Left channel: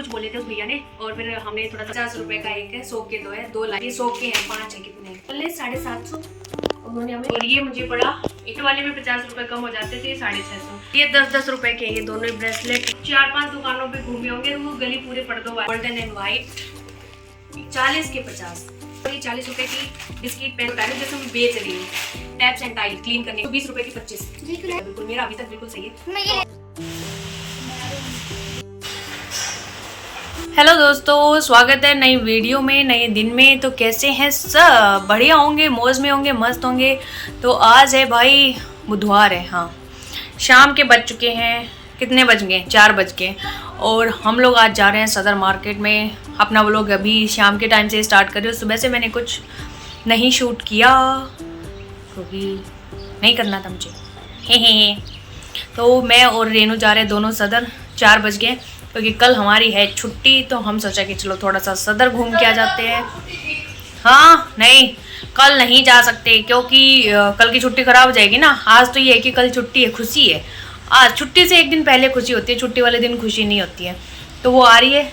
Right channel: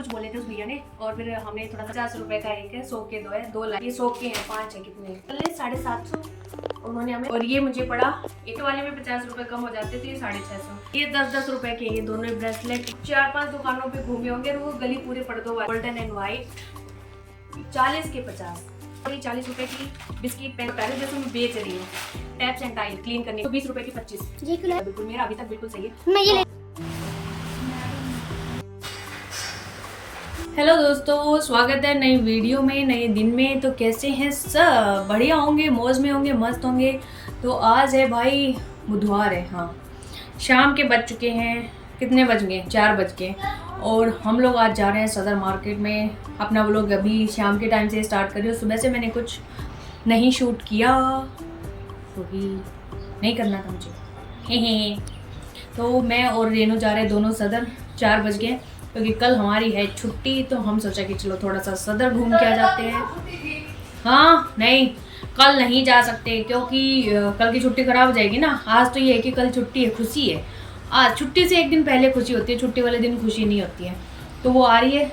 कुछ बोले थे उस भैया ने, और फिर हमने थोड़ा 50 रुपए का एक है, 100 के 2 है, 2 लाइन 100 के हैं, 5 है, कितने चले 750 उन्होंने हमें। और ये मुझे पड़ा, एक वाले में 50 रुपए कम हो जाते थे, 650। ये 10-10 रुपए के ये दोनों ब्रेसलेट। 4-5 दुकानों पे घूमे होंगे, वो गली पूरे पर्दों गोल्डन एंड व्हाइट, 40 के 50। और ये 40 रुपए की बिस्किट पेन होता है जैसे मैं बेच रही हूँ, टैप्स एंड टाइल क्लीन करने, 20 रुपए की 25। बिल्कुल मेरा अभी तक बिल्कुल सही है। हेलो दोस्तों, स्वागत है नई वीडियो में, नए दिन में। तो कैसे हैं सब? बढ़िया होंगे, मौज में होंगे, मस्त होंगे। तो आज है भाई बुधवार है, हाँ, शाम के बज चुके हैं, कितने बज गए? 4 बज गए। और हम लोग आज जा रहे हैं सदर मार्केट में। अपना व्लॉग अभी शाम के टाइम से स्टार्ट कर रही हूँ। सुबह से मैंने कुछ नहीं शूट किया क्योंकि नहीं करना था मुझे, हे। तो मैं और रेनू जा रहे हैं दोनों सदर। 4 बज गए क्योंकि कल हमारी है छुट्टी, तो हम सोचा कि चलो थोड़ा सा सदर घूम के आ जाते हैं। हाँ, नहीं कल नहीं जा सकते क्योंकि कल की छुट्टी ख़राब हो जाएगी ना। आज तो ये है कि कल छुट्टी है, खुशी है। आज छुट्टी से एक दिन पहले खुशी होती है, छुट्टी वाले दिन खुशी नहीं होती है। तो वो आ रही है,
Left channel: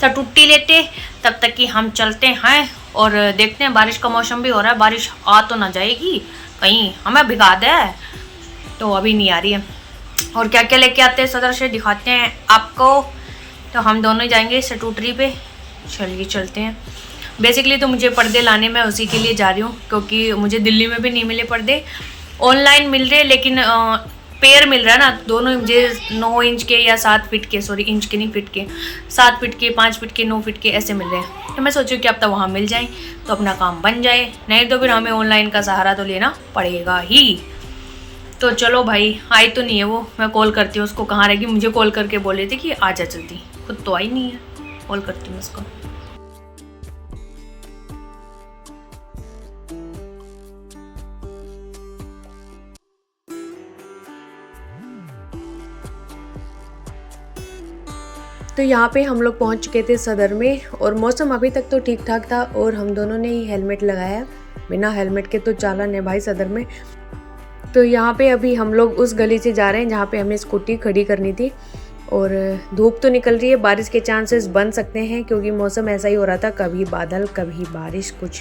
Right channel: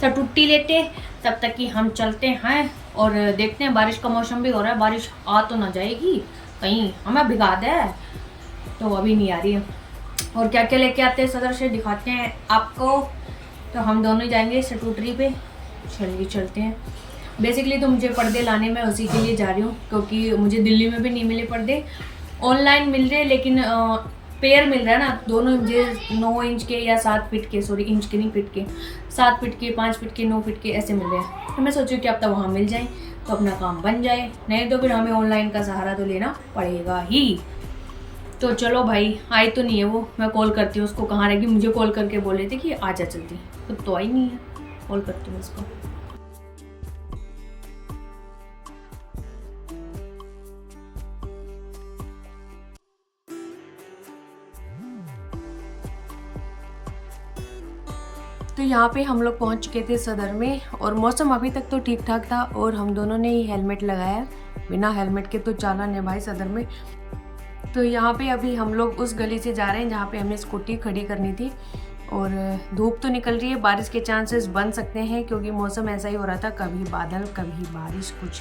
सब छुट्टी लेते तब तक कि हम चलते हैं और देखते हैं। बारिश का मौसम भी हो रहा है, बारिश आ तो ना जाएगी कहीं हमें भिगा दे, तो अभी नहीं आ रही है। और क्या क्या लेके आते हैं सदर से दिखाते हैं आपको। तो हम दोनों ही जाएंगे स्टूटरी पे, चलिए चलते हैं। बेसिकली तो मुझे पर्दे लाने में उसी के लिए जा रही हूँ क्योंकि मुझे दिल्ली में भी नहीं मिले पर्दे, ऑनलाइन मिल रहे, लेकिन पेयर मिल रहा है ना, दोनों मुझे 9 इंच के या 7 फीट के, सॉरी इंच के नहीं फीट के, 7 फीट के, 5 फीट के, 9 फीट के ऐसे मिल रहे हैं। तो मैं सोचूँ कि अब तक वहाँ मिल जाएँ तो अपना काम बन जाए, नहीं तो फिर हमें ऑनलाइन का सहारा तो लेना पड़ेगा ही। तो चलो भाई, आई तो नहीं है वो, मैं कॉल करती हूँ उसको। कहाँ रहेगी? मुझे कॉल करके बोल रही थी कि आ जा जल्दी, खुद तो आई नहीं है। कॉल करती हूँ उसको। तो यहाँ पे हम लोग पहुँच चुके थे सदर में, और मौसम अभी तक तो ठीक ठाक था, और हम दोनों ने ही हेलमेट लगाया। बिना हेलमेट के तो चालान है भाई सदर में। तो यहाँ पे अभी हम लोग उस गली से जा रहे हैं जहाँ पे हमें स्कूटी खड़ी करनी थी। और धूप तो निकल रही है, बारिश के चांसेस बन सकते हैं क्योंकि मौसम ऐसा ही हो रहा था, कभी बादल कभी बारिश, कुछ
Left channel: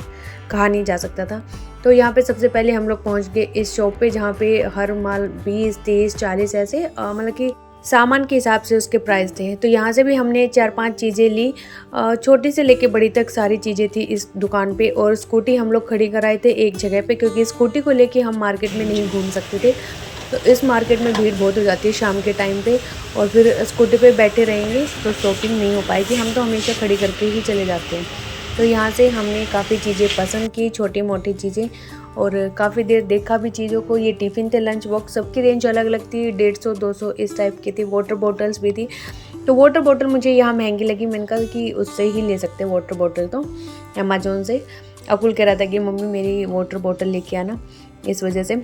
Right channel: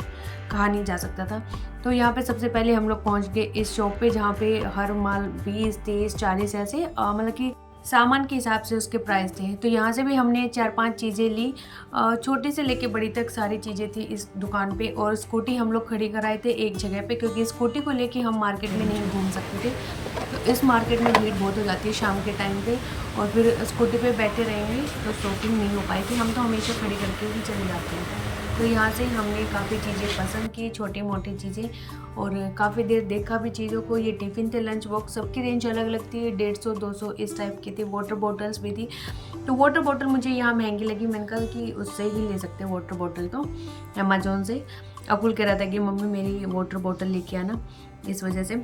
कहा नहीं जा सकता था। तो यहाँ पे सबसे पहले हम लोग पहुँच गए इस शॉप पे जहाँ पे हर माल 20, 30, 40 ऐसे मतलब कि सामान के हिसाब से उसके प्राइस थे। तो यहाँ से भी हमने 4-5 चीज़ें ली, छोटी से लेके बड़ी तक सारी चीज़ें थी इस दुकान पे। और स्कूटी हम लोग खड़ी कराए थे एक जगह पे क्योंकि स्कूटी को लेके हम मार्केट में नहीं घूम सकते थे। तो इस मार्केट में भीड़ बहुत हो जाती है शाम के टाइम पे, और फिर स्कूटी पे बैठे रहेंगे तो शॉपिंग नहीं हो पाएगी। हम तो हमेशा खड़ी करके ही चले जाते हैं। तो यहाँ से हमने काफ़ी चीज़ें पसंद की, छोटी मोटी चीज़ें, और काफ़ी देर देखा भी चीज़ों को। ये टिफ़िन थे, लंच बॉक्स, सबकी रेंज अलग अलग थी, 150, 200 इस टाइप की थी। वाटर बॉटल्स भी थी। तो वाटर बॉटल मुझे यहाँ महंगी लगी, मैंने कहा कि उससे ही ले सकते हैं वाटर बॉटल, तो अमेज़ोन से। अकुल कह रहा था कि मम्मी मेरी वाटर बॉटल लेके आना, इस वजह से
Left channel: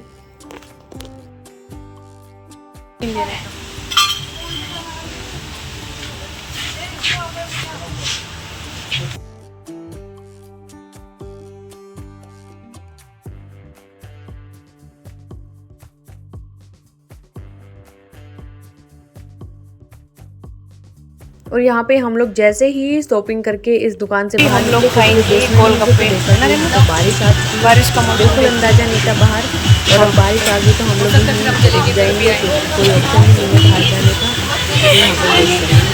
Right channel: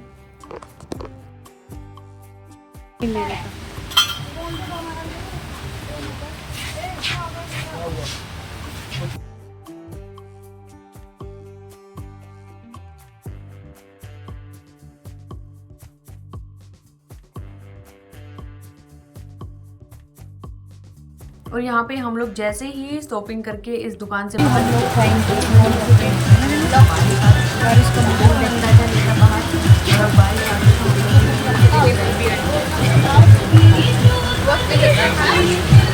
ले रहा था। और यहाँ पे हम लोग जैसे ही शॉपिंग करके इस दुकान से बाहर, हम लोग खाएंगे गोलगप्पे। बारिश का मौसम, कोई अंदाजा नहीं था बाहर, और बारिश आ गई तो हम लोग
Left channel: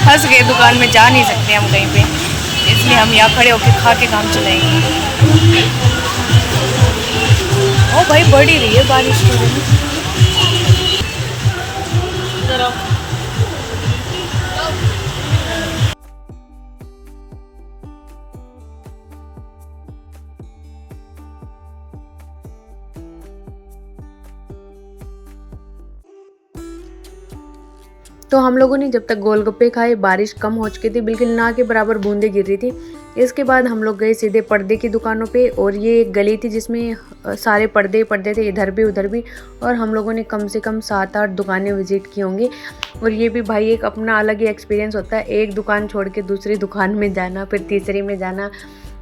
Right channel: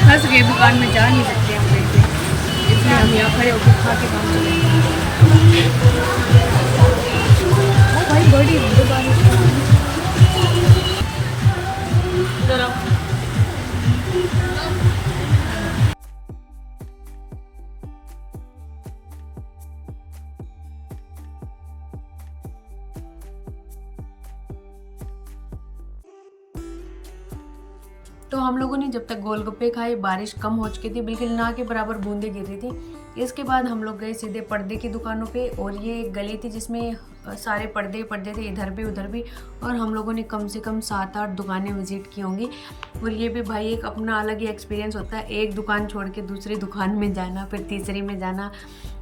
फंस गए दुकान में, जा नहीं सकते हम कहीं पे, इसलिए हम यहाँ खड़े होकर खा के काम चलाएंगे। ओ भाई, बढ़ ही रही है बारिश हो रही है। तो हम लोगों ने जब तक गोलगप्पे खाए, बारिश कम हो चुकी थी, बिल्कुल ना के बराबर बूंदें गिर रही थी। इसके बाद हम लोग गए सीधे पर्दे की दुकानों पे, और ये एक गली थी जिसमें सारे पर्दे थे, इधर भी उधर भी। और हम लोगों ने कम से कम 7-8 दुकानें विज़िट की होंगी। और ये भी भाई एक अपना अलग ही एक्सपीरियंस होता है, एक दुकान छोड़ के दूसरी दुकान में जाना, फिर तीसरी में जाना,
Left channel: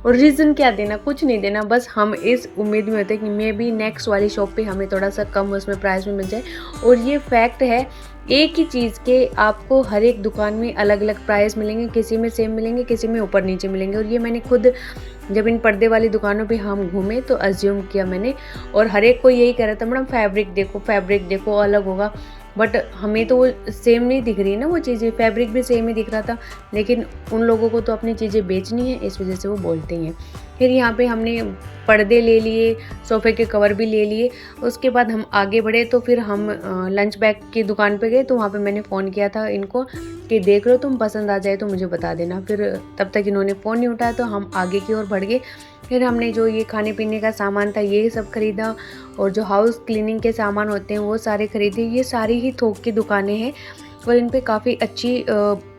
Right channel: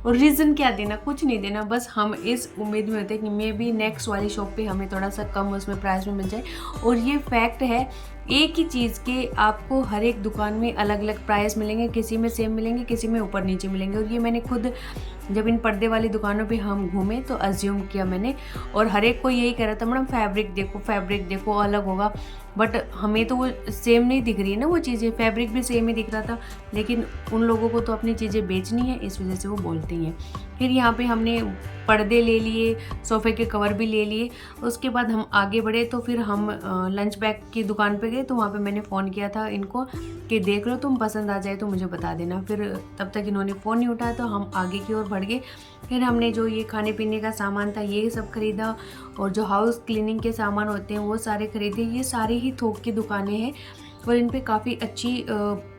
और रीज़न क्या देना, कुछ नहीं देना, बस हम इस उम्मीद में होते हैं कि मे भी नेक्स्ट वाली शॉप पे हमें थोड़ा सा कम उसमें प्राइस में मिल जाए। और ये फैक्ट है, एक ही चीज़ के आपको हर एक दुकान में अलग अलग प्राइस मिलेंगे, किसी में सेम मिलेंगे, किसी में ऊपर नीचे मिलेंगे। और ये मैंने खुद जब इन पर्दे वाली दुकानों पे हम घूमे तो अज्यूम किया मैंने, और हर एक को यही कह रहा था मैडम फैब्रिक देखो अलग होगा, बट हमें तो वो सेम नहीं दिख रही है ना वो चीज़ें, फैब्रिक भी सेम ही दिख रहा था, लेकिन उन लोगों को तो अपनी चीज़ें बेचनी है, इस वजह से वो बोलते ही हैं। फिर यहाँ पे हमने पर्दे ले लिए, सोफ़े के कवर भी ले लिए। उसके बाद हम आगे बढ़े तो फिर हम लंच बैग की दुकान पे गए, तो वहाँ पे मैंने फ़ोन किया था इनको कि देख लो, तुम पसंद आ जाए तो मुझे बता देना। फिर तब तक इन्होंने फ़ोन नहीं उठाया तो हम आगे की ओर बढ़ गए। फिर हमने जो ये खाने पीने का सामान था ये सब ख़रीदा, और जो हाउस क्लीनिंग के सामान होते हैं वो सारे ख़रीदे। ये सारी ही थोक की दुकानें हैं और इन पे काफ़ी अच्छी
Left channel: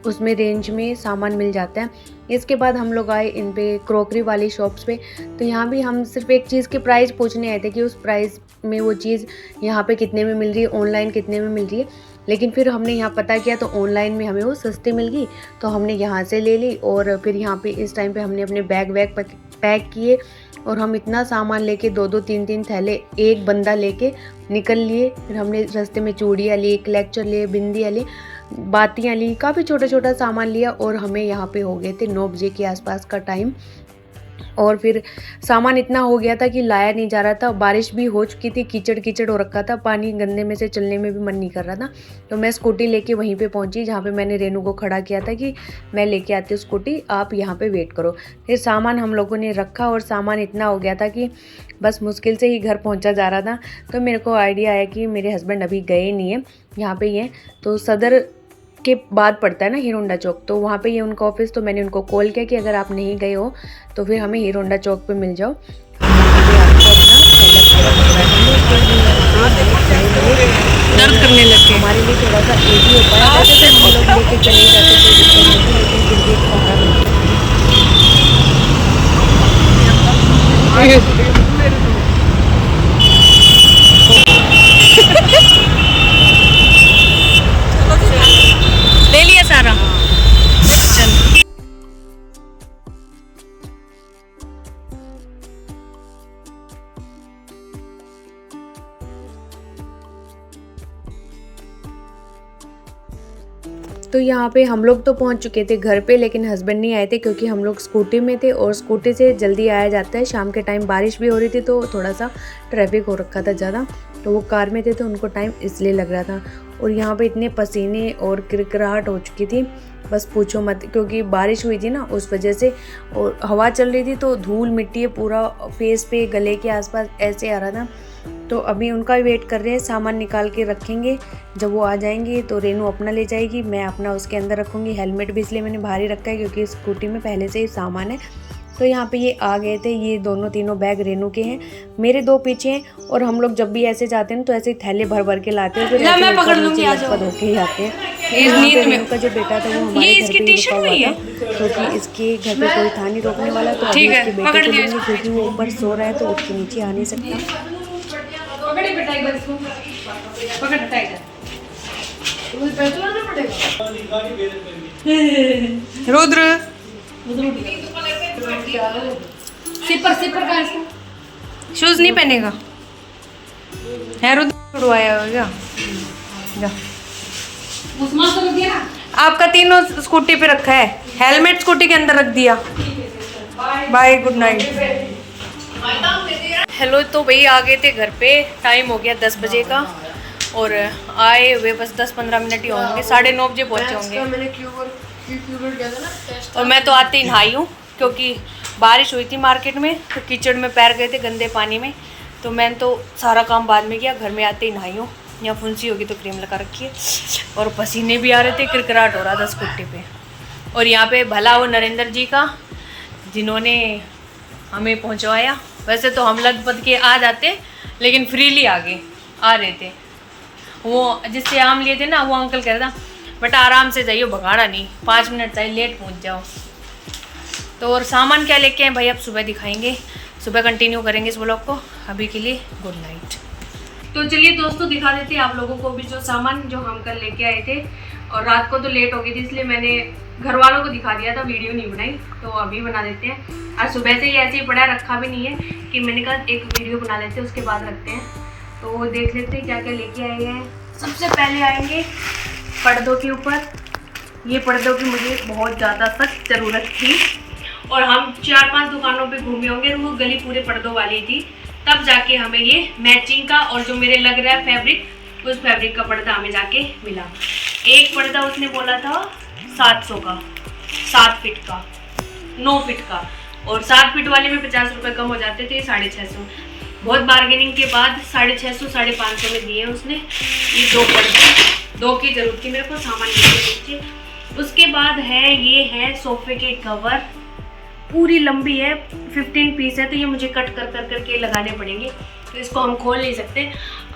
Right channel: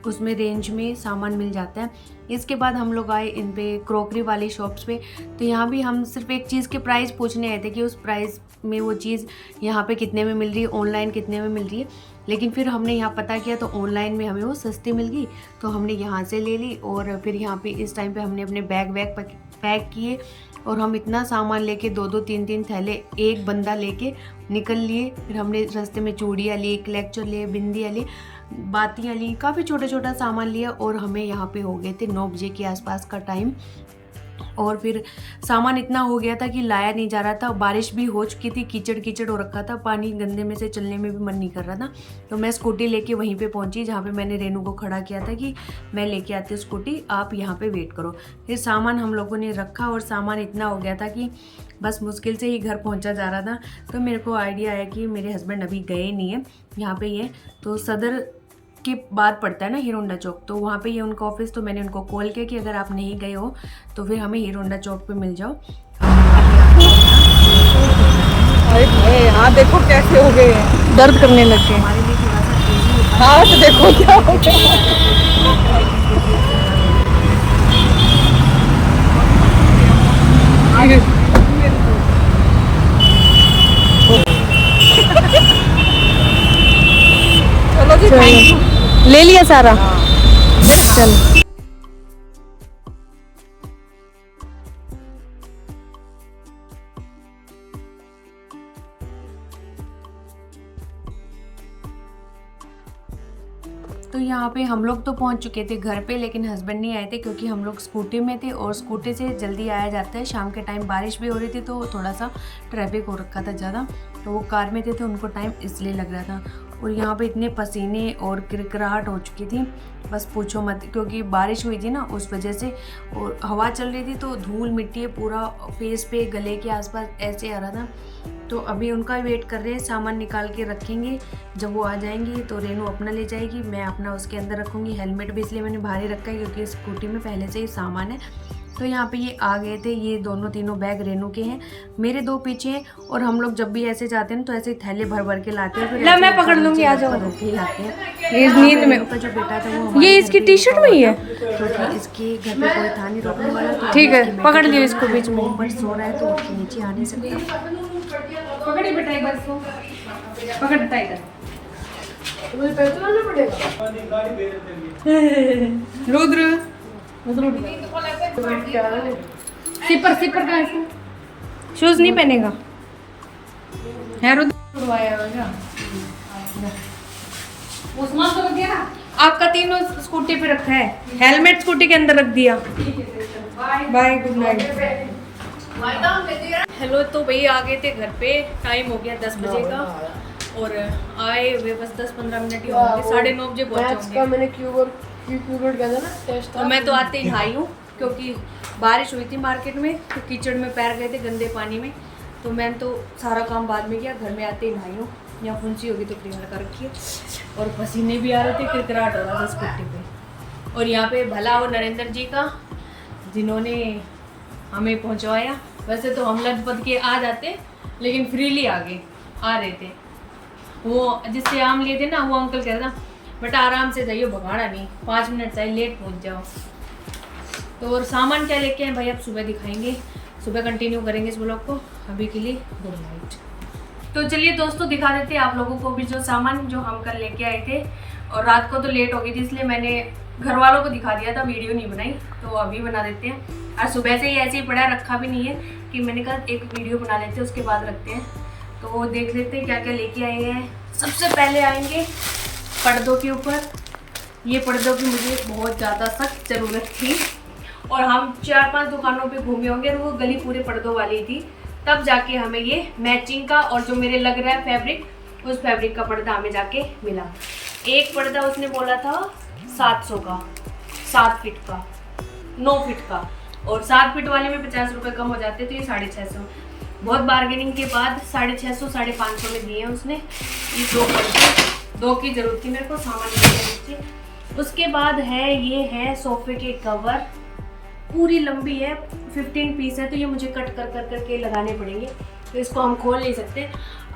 उसमें रेंज में सामान मिल जाता है। इसके बाद हम लोग आए इन पे क्रॉकरी वाली शॉप्स पे, तो यहाँ भी हम सिर्फ एक चीज़ के प्राइस पूछने आए थे कि उस प्राइस में वो चीज़ यहाँ पे कितने में मिल रही है, ऑनलाइन कितने में मिल रही है। लेकिन फिर हमने यहाँ पता किया तो ऑनलाइन में हमें वो सस्ती मिल गई, तो हमने यहाँ से ले ली। और फिर यहाँ पे इस टाइम पे हमने अपने बैग पैक किए, और हम इतना सामान लेके 2-2 3-3 थैले एक बंदा लेके निकल लिए। फिर हमने रास्ते में चूड़ियाँ ली, क्लेचर लिए, बिंदियाँ ली, बातियाँ ली, काफ़ी छोटा छोटा सामान लिया, और हमें यहाँ पे हो गए थे 9 बजे के आसपास का टाइम। और फिर सामान इतना हो गया था कि लाया नहीं जा रहा था, बारिश भी हो चुकी थी, कीचड़ हो रखा था, पानी गंदे में से चलने में भी मन नहीं कर रहा था। तो मैं स्कूटी लेके वहीं पे पहुंची जहाँ पे मैंने रेनू को खड़ा किया था कि मैं लेके आती हूँ स्कूटी, आप यहाँ पे वेट करो। फिर सामान हम लोगों ने रखा, और सामान इतना हो गया था कि बस मुश्किल से ही घर पहुँचा जा रहा था। तो मेरे को आइडिया आया कि मेरे हस्बैंड अभी गए नहीं है, यहाँ पर ही हैं, तो सदर के बाद पड़ता है ना हीरो होंडा चौक, तो वहाँ पे ये उनका ऑफिस। तो मैंने उनको कॉल किया कि अगर आप नहीं गए हो तो फिर हमें हीरो होंडा चौक पे मिल जाओ, हम वहाँ पे आपको अपना देखो कैसे हो गए, दर्द करने लग गए। हमारे लिए थोड़ा सा ईजी हो पाया, हम लोग लेके चले जाते कोई दिक्कत नहीं थी, लेकिन फिर भी एक सहारा मिल गया। ले लिया सारा, चल। तो यहाँ पे हम लोग तो पहुँच चुके थे घर पे, लेकिन हस्बैंड नहीं आए थे क्योंकि हम लोग स्कूटी में थे, और स्कूटी से जल्दी आया जाता है। शाम के टाइम बारिश भी हो रही थी तो थोड़ा सा ट्रैफिक हो रखा था ज़्यादा, तो वो कार में थे तो उनको टाइम इसलिए लग रहा था। और यहाँ पे इतने पसीने और किरकिराहट हो चुकी थी, बस पूछो मत, क्योंकि बारिश हुई थी ना उस वजह से, और हवा चल रही थी तो धूल मिट्टी पूरा फेस पे, गले के आसपास ऐसे आ रहा था। तो अभी उनका वेट कर रहे हैं, सामान निकाल के रखेंगे, जब वो आ जाएंगी तो रेनू अपना ले जाएगी, मैं अपना उसके अंदर रखूँगी। हेलमेट भी इसलिए मैंने भारी रखा है क्योंकि स्कूटी में पहले से ही सामान है। तो यहाँ पे ये आ गए थे, ये दोनों तीनों बैग रेनू के हैं, मेरे 2 पीछे हैं, और हम लोग जब भी ऐसे जाते हैं तो ऐसे ही थैले भर भर के लाते हैं, फिर मैं पकड़ लूंगी होके ही आते हैं। रेनू का जो बेटा था वो हमारे इसकी टी-शर्ट में ही है, क्योंकि इसके घर पे कोई था नहीं रोकने वाला, तो ठीक है पकड़ लिया इसको, बीच में ऊपर सो रहा है तो उठ के नीचे आ नहीं सकता। पकड़ी बेटा एक बार इसको, पकड़ टाइट है, मुझे पहचानना पड़ेगा। रुद्र सिपर का शूज नहीं पहनेगा है, रुद्र उड़वाया होगा। आपका तीनों स्कूटी पे रखा है, हेलमेट स्कूटी के अंदर रख दिया। Bye, good night. हेलो, तो भाई आ गए थे घर पे, टाइम हो गया 10 बजे का, और आए हुए बस 10-15 मिनट ही होंगे, 9:30 बजे पहुँचे होंगे। और मैं तो आते ही नहाई हूँ क्योंकि बारिश हुई थी मार्केट में, तो कीचड़ में पैर गए थे गंदे पानी में, तो मैंने तो सारा काम बाद में किया, घर में आते ही नहाई हूँ। यहाँ फुंसी होगी तो क्रीम लगा रखी है, और पसीने भी आ रहे थे, किरकिराहट हो रहा था स्कूटी पे। और यहाँ पे भला वो नरेंद्र जी का, जिन्होंने हमें पहुँचवाया। वैसे तो हम लग के आ जाते, लेकिन फ्रीली आ रहे थे। वो जिससे आम लिए थे ना, वो अंकल कह रहा था बेटा आराम से जाइयो, भगाड़ा नहीं, 5 मिनट चाहिए, लेट पहुँच जाओ। तो और सामान क्या लेके आए भाई अब सुबह दिखाएंगे, सुबह कंटिन्यू करेंगे इस ब्लॉग को। अभी के लिए गुड नाइट। तो चलिए दोस्तों दिखा देते हैं आप लोगों को भी जो सामान जो हम कल लेके आए थे। और रात को तो लेट हो गई थी, इसलिए मैंने घर वालों को दिखा दिया था, वीडियो नहीं बनाई। तो अभी बना देते हैं। आज सुबह से ही ऐसे ही पड़ा रखा भी नहीं है कि मैंने कहा एक वीडियो बना लेते हैं, उसके बाद रखते हैं। तो देख लेते हैं क्या क्या लेके आए हैं। सबसे पहले आएंगे पर्दों के ऊपर। ये पर्दों की मुझे बहुत ज़्यादा सख्त ज़रूरत थी और हम 4-5 दुकानों पे घूमे होंगे और वो गली पूरे पर्दों वाली थी, तब जाके हमें ये मैचिंग का और जो मेरे लग रहा है फैब्रिक, उस फैब्रिक का पर्दा हमें जाके मिला। एक पर्दा उसने बोला था 700 का, 7 फीट का, 9 फीट का, और 7 फीट वाले में 50 रुपये कम हो जाते थे, 650। बहुत बार्गेनिंग के बाद 650 550 में दिए उसने। ये 2 पर्दे, 2 की जरूरत थी मेरे को, सामान नीचे। उसके बाद है ये है सोफे के कवर, पूरी लंबी है, 15 पीस है, तो ये मुझे कट कर करके लगाने पड़ेंगे, तो इसको हम खोल नहीं सकते।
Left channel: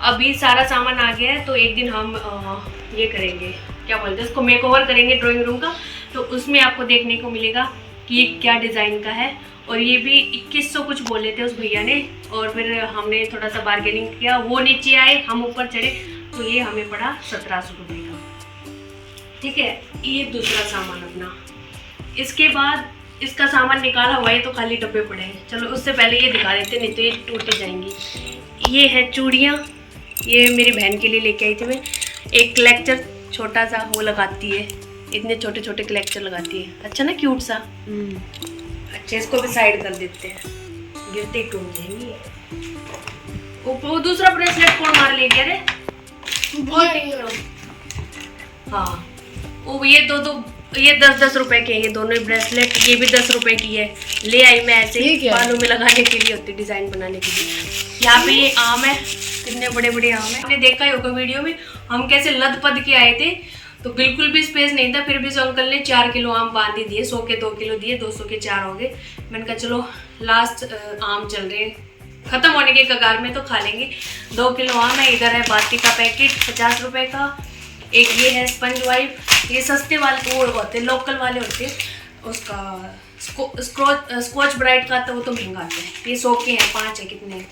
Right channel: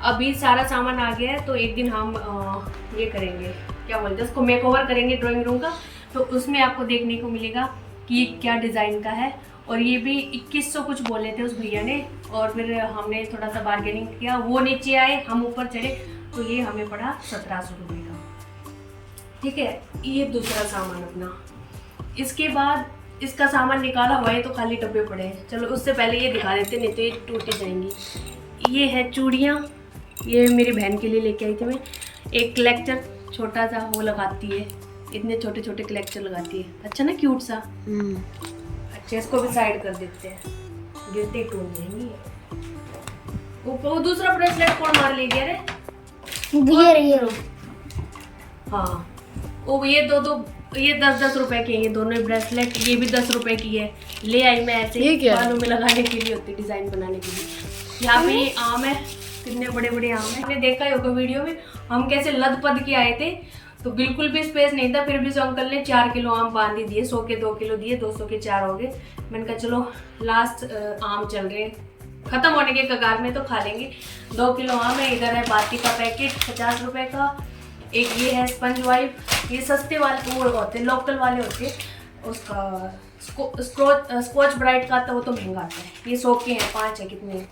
अभी सारा सामान आ गया है, तो एक दिन हम ये करेंगे, क्या बोलते हैं उसको, मेकओवर करेंगे ड्राइंग रूम का। तो उसमें आपको देखने को मिलेगा कि ये क्या डिज़ाइन का है। और ये भी 2100 कुछ बोले थे उस भैया ने, और फिर हमने थोड़ा सा बार्गेनिंग किया, वो नीचे आए, हम ऊपर चढ़े, तो ये हमें पड़ा 1700 रुपये का। ठीक है, ये दूसरा सामान अपना। इसके बाद इसका सामान निकाला हुआ है, तो खाली डब्बे पड़े हैं। चलो उससे पहले ये दिखा देते, नहीं तो ये टूट जाएंगी। ये है चूड़ियाँ, ये मेरी बहन के लिए लेके आई थी मैं। एक कलेक्टर छोटा सा वो लगाती है, इतने छोटे छोटे कलेक्टर लगाती है, अच्छा ना, क्यूट सा। अच्छा, इसको भी साइड कर देते हैं, गिरते ही टूट जाएंगी। वो दूसरा ब्रेसलेट कौन मार लीजिए रे? हाँ, वो ये दो ये 10-10 रुपए के, ये दोनों ब्रेसलेट, ये भी 10 रुपए की है। ले आई मैं ऐसे ही, बालों में लगाने के लिए होती, डिजाइन बनाने के लिए। यहाँ पे ये आम है, कितने बड़े बड़े आम है, आपने देखा ही होगा वीडियो में हम कैसे लद पद के आए थे, तो बिल्कुल भी स्पेस नहीं था, फिर भी उस अंकल ने 4 किलो आम बांध ही दिए। 100 के 2 किलो दिए, 200 के 4 हो गए। मैंने कहा चलो लास्ट आम चल रहे हैं, खत्म होने के कगार में, तो खा लेंगे। 2 किलो आम है। इधर है बाती का पैकेट 50 रुपए का। एक ये है स्पंज वाइप, ये सस्ते वाले वो होते हैं, लोकल वाले होते हैं। उसका स्कॉच ब्राइट का आता, वो तो महंगा आता है। ये 100 के हैं, 5 है, कितने हैं।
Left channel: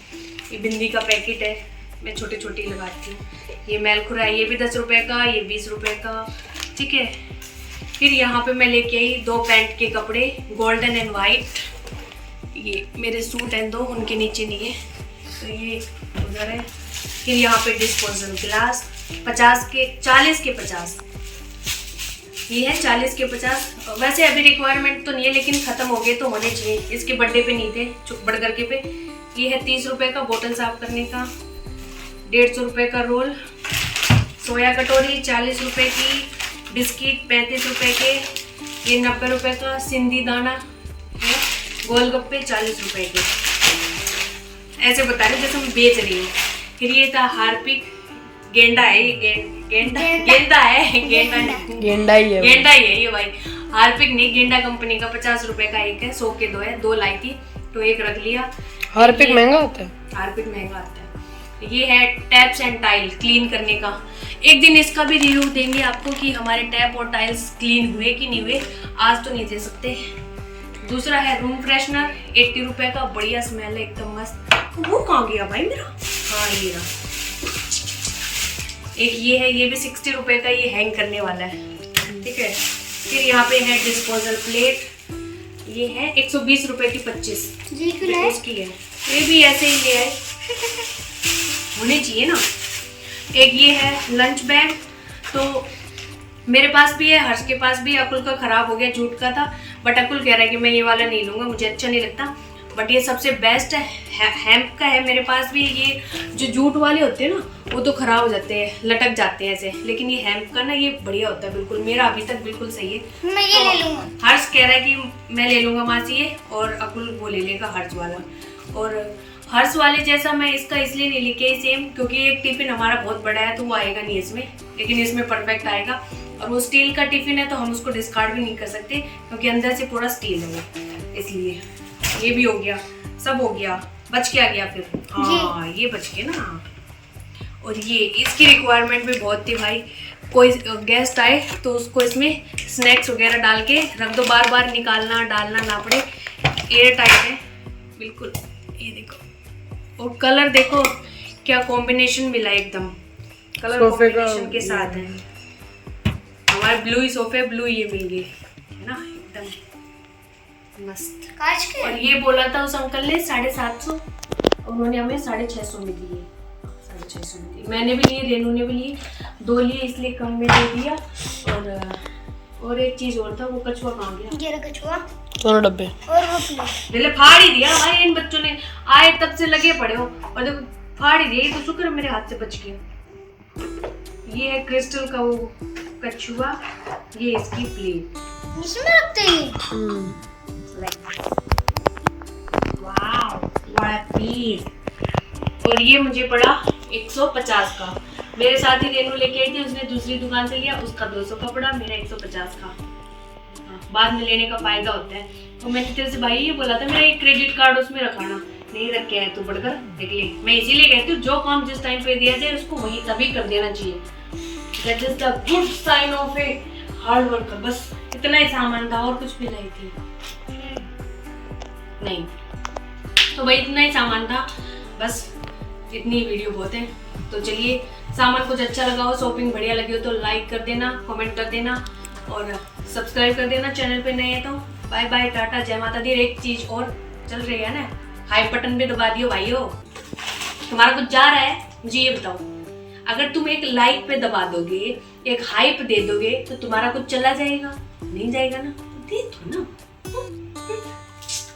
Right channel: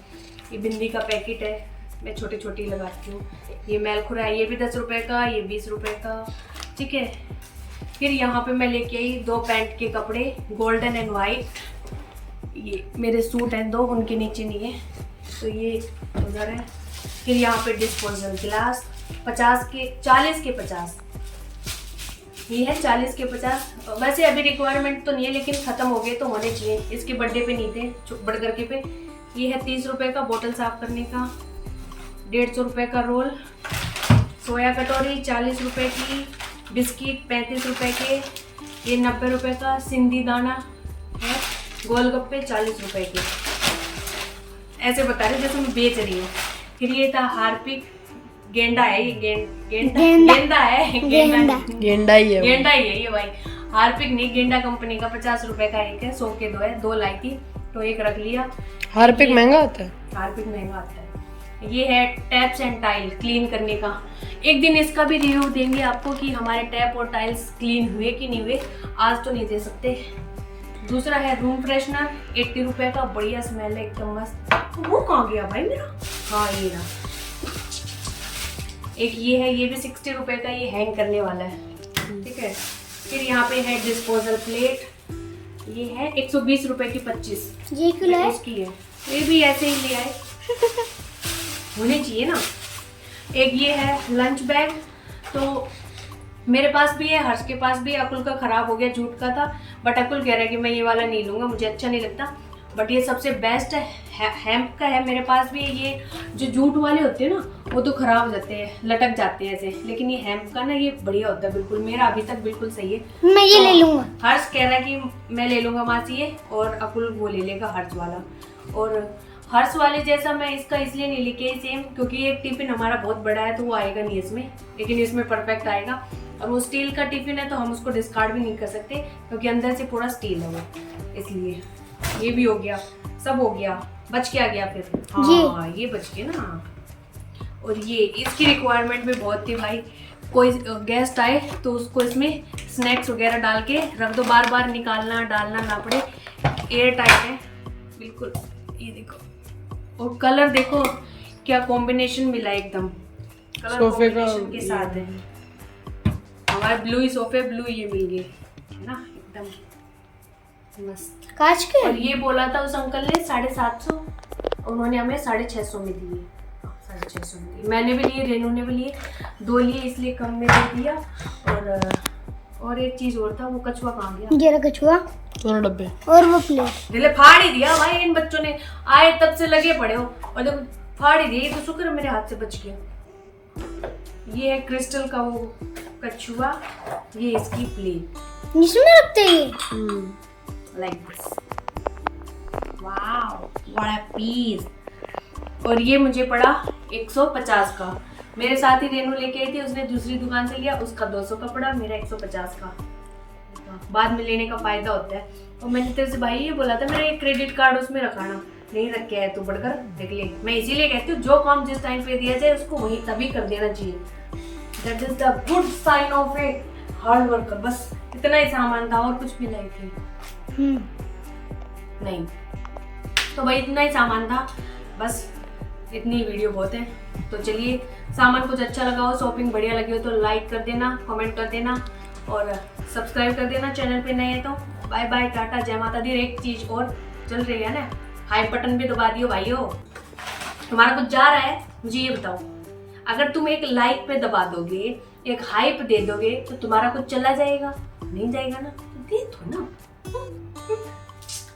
ये बिंदी का पैकेट है, मैं छोटी छोटी लगाती हूँ। ये मैलखुरा है, ये भी 10 रुपये का, ये 20 रुपये का। ठीक है, फिर यहाँ पे मैं लेके आई 2 पैंट के कपड़े, गोल्डन एंड वाइट। ये मेरे सूट हैं 2, उनके नीचे नहीं है, तो ये उधर है। फिर यहाँ पे डिस्पोजल ग्लास 40 के 50, ये है 40 के 50। वैसे अभी रिक्वायरमेंट तो नहीं है, लेकिन ख़त्म हो गए तो होने चाहिए। इसके बर्थडे पे नहीं थे, बड़गर के पे। ये है 30 रुपये का बोतल साफ करने का। 150 रुपये का रोल। सोया कटोरी 40 रुपये की। बिस्किट 35 रुपये के। ये 90 रुपये का सिंधी दाना है। गोलगप्पे 40 रुपये के। ऐसे बता रहे जैसे मैं बेच रही हूँ। फिर ये था हार्पिक, गेंडा है, ये गेंडा है, गेंडा ही है ये भाई। हार्पिक नहीं, गेंडा कंपनी का 50 रुपये का एक है। 100 के 2 है, 2 लाई थी तो एक रख लिया। हार्पिक महंगा होता है, हार्पिक महंगा आता है। ये है टैप्स एंड टाइल क्लीन करने का। एक दिन इसका भी रिव्यू देंगे आपको कि हमारे टैप और टाइल्स क्लीन हुए कि नहीं हुए। आज तो नहीं दे सकते। दूसरा है रूम फ्रेशनर 80 रुपये का, बढ़िया स्मेल है एकदम मस्त। वो कहाँ गया भाई मेरा? हाँ ये रहा। एक ये है, ये भी 60 रुपये का, ये हैंग करने वाला है। ठीक है, फिर यहाँ पे है डिस्पोजल प्लेट, ये है 120 रुपये की 25, उसकी है। ये भी ऐसे ही ले आए, होने चाहिए ना। एक ये है लंच बैग, तो मेरे पास भी है, हर्ष के पास भी है। अकुल का खराब हो गया, जूट का था, बट अकुल कह रहा है कि मैं ये वाला नहीं लूँगा, मुझे अच्छा नहीं लगता। बट ये सबसे बेस्ट है, हेम्प का है मेरे पास भी। ये जो जूट वाले होते हैं ना, वो तो खराब हो जाते हैं, लटक जाते हैं ऐसे, लेकिन ये हेम्प का ना, ये बढ़िया होता है बिल्कुल। मेरा अभी तक बिल्कुल सही है, मैं ये ले लूँगा। हर्ष कह रहा है कि मैं ले लूँगा मासी ये, और अकुल वो ले लेगा हर्ष वाला। और हर्ष वाले जैसा मैं इसका इसलिए नहीं लेके सेम, क्योंकि एक टिफिन हमारा बहुत बड़ा है, तो वो आएगा नहीं इसमें, लेकिन इसमें परफेक्ट आएगा। और वो स्टील का टिफिन है, तो हम उसको डिस्कार्ड भी नहीं कर सकते, क्योंकि अंदर से पूरा स्टील है वो, इसलिए। ये भी हो गया, सब हो गया। बच क्या गया फिर? हाँ ये बच गया ना। और ये इसकी रिक्वायरमेंट भी बहुत थी भाई। कोई गेस्ट आए तो उसको इसमें स्नैक्स वगैरह डाल के रख दो, बार बार निकालना डालना ना पड़े। एयर टाइट है बिल्कुल। ये देखो, और कलर देखो क्या कॉम्बिनेशन मिला एकदम, कलर सोफे का के साथ है। हमारे ब्लू ही सोफे, ब्लू ये मिल गए है ना, एकदम मस्त कांच के। और ये बोला था उस अंकल ने 750, उन्होंने हमें 650 में दिए। 650 में दिए, मैंने भी लिए, रेनू ने भी लिए, 2 लिए इसलिए कम में दे दिया। और एक चीज और था, वो कछुआ कहाँ गया? ये रहा कछुआ दोनों डब्बे। और वो प्लेट। दिले फाड़ ही दिया भाई, इन बच्चों ने आए तब से लगे पड़े हो और देखो फाड़ ही दिया। तो शुक्र मेरे हाथ से बच गया। ये है क्रिस्टल का वो कछुआ, ये इसकी प्लेट, इसमें रखते हैं ये। Like this. Wow what a piece. और ये मुझे पड़ा 150 का। मेरे साथ ही रेनू लेके आई थी, उसने दूसरी दुकान से लिया, उसका 200 का पड़ा, मेरा 150 का। बाद में लेने का फायदा होता है। और मैंने तेरे से भाई ये बोला था मेरा एक क्रेडिट कार्ड उसमें रखाना, नहीं रख के आया तू, बढ़कर देख ले। मैं इसीलिए कहती हूँ जो काम जिस टाइम पे दिया जाए उसको वही तभी कर देना चाहिए। That is the good sign of a hard worker. बस इतना ही सामान था और कुछ भी नहीं थी। नहीं तो भाई इतना ही सामान था, बस इतनी वीडियो बहुत है। तो चलिए, सामान कुछ अच्छा लगा हो, शॉपिंग बढ़िया लगी हो तो लाइक कर देना, कमेंट कर देना और सब्सक्राइब कर देना। चैनल पे नए हैं तो बाय बाय, टाटा, जय माता दी। एक चीज और चल रही है ना, हाइप बटन भी दबा दियो भाइयों। तुम्हारा कुछ जा रहा है मुझे ये बताओ, अगर तुम एक लाइक पे दबा दोगे, एक हाइप दे दोगे तो तुम्हारा कुछ चला जाएगा? नहीं जाएगा ना, दे दो ना।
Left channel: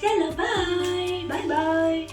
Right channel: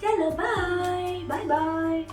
चलो बाय बाय बाय।